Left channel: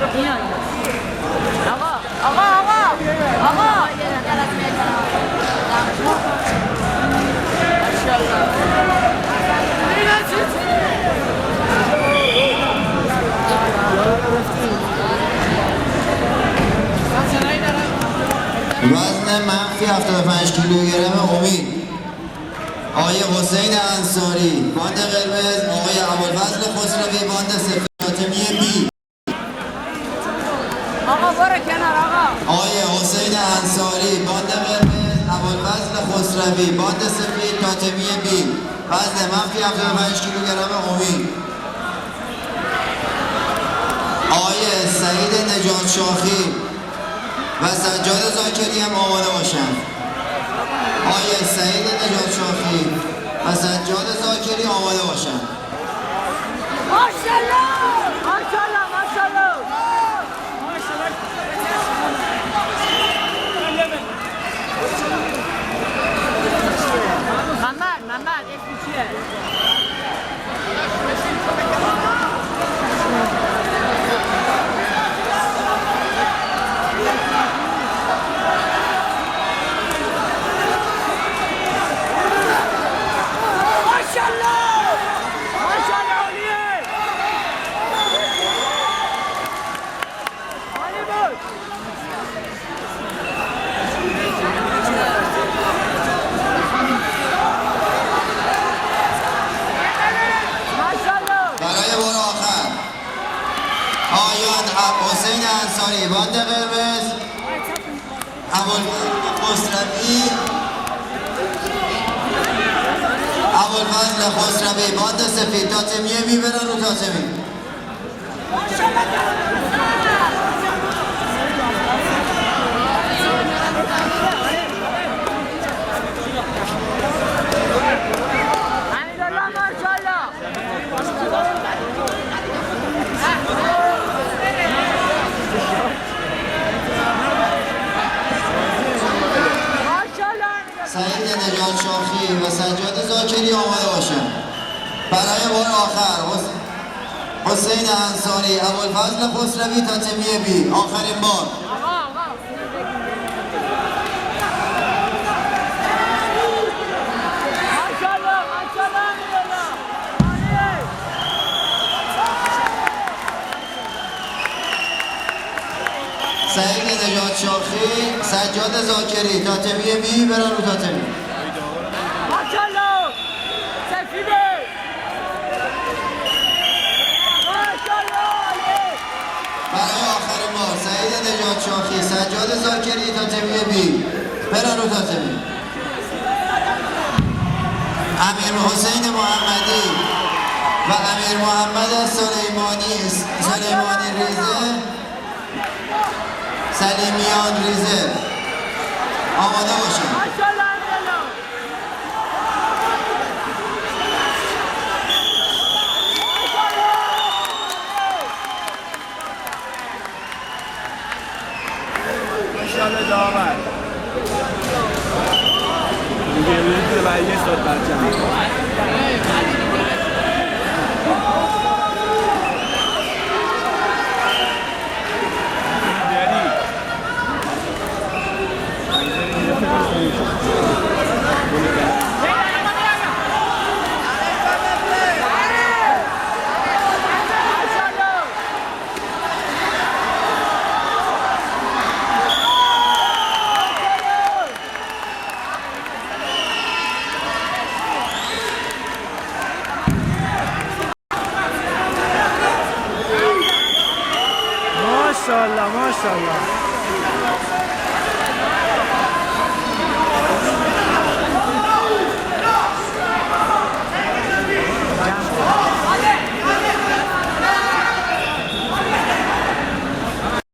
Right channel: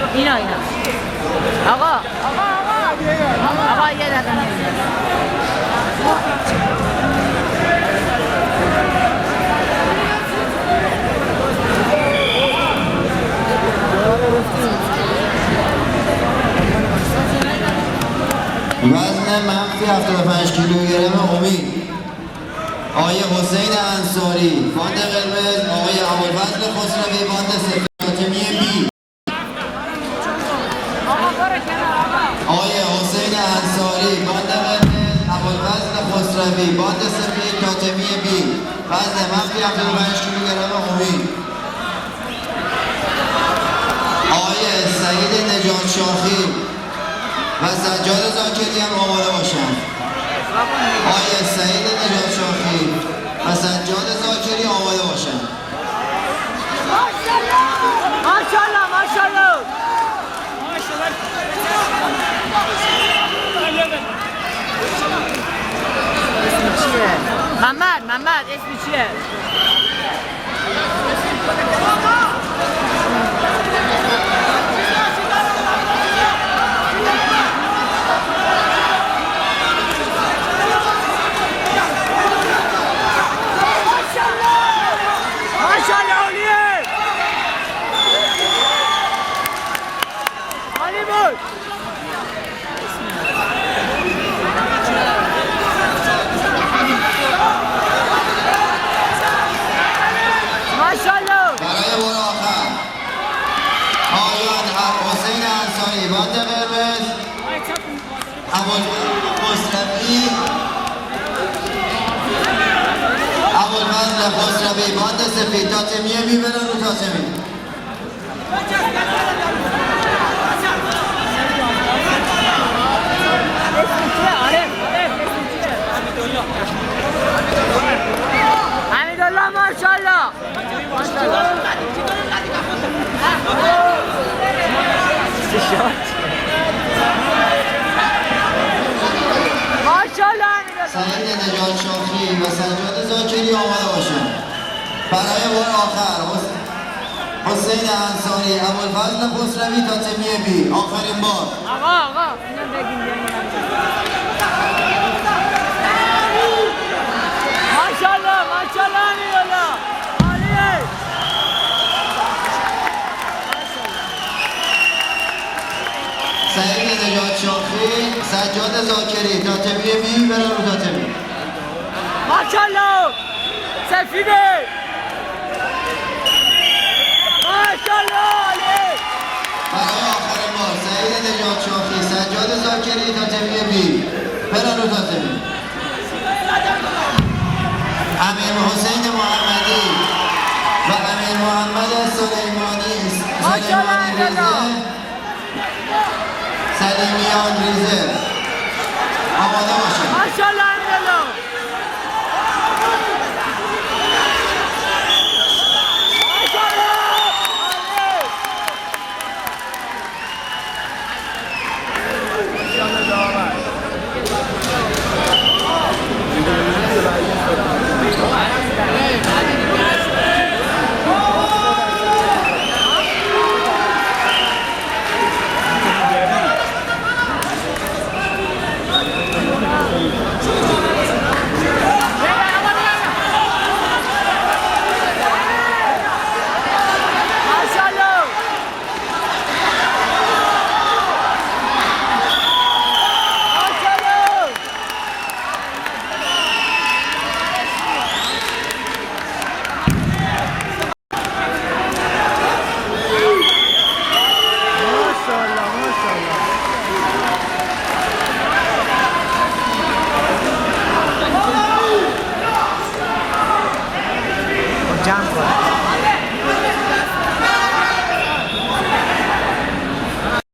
اینا آقا یه دقیقه وزن منفی 75 کیلوگرم امید آقای حسین انصاری، باند قرمز آقای ابوالفضل خسروی، باند سفید فاطمی بی. آقای حسین انصاری، باند قرمز ابوالفضل خسروی، باند سفید فاطمی بی، وزن منفی 75 کیلوگرم امید. آقای سعید نجات شاخی و سجاد زاکری هم آماده باشند. آقای سعید نجات شاخی و سجاد زاکری آماده باشند. محمد اسمی چیه؟ حسین انصاری، باند قرمز ابوالفضل خسروی، باند سفید تاتمیه میبرن رو تاتمی. حمیدالله ماشاءالله سعید نجات شاخی و سجاد زاکری آماده باشند. برای بار آخر حسین انصاری، ابوالفضل خسروی تاتمی بی، آخرین بار. سعید نجات شاخی، سجاد زاکری، تاتمی بی برن رو تاتمی. ماشاءالله سفیده ماشاءالله. برای آخرین بار سعید نجات شاخی، سجاد زاکری، تاتمی بی برن رو تاتمی. امیر حسین محمدی و امیر محمد سلیمانی ریزه، سلیمیان ریزه آماده باشید.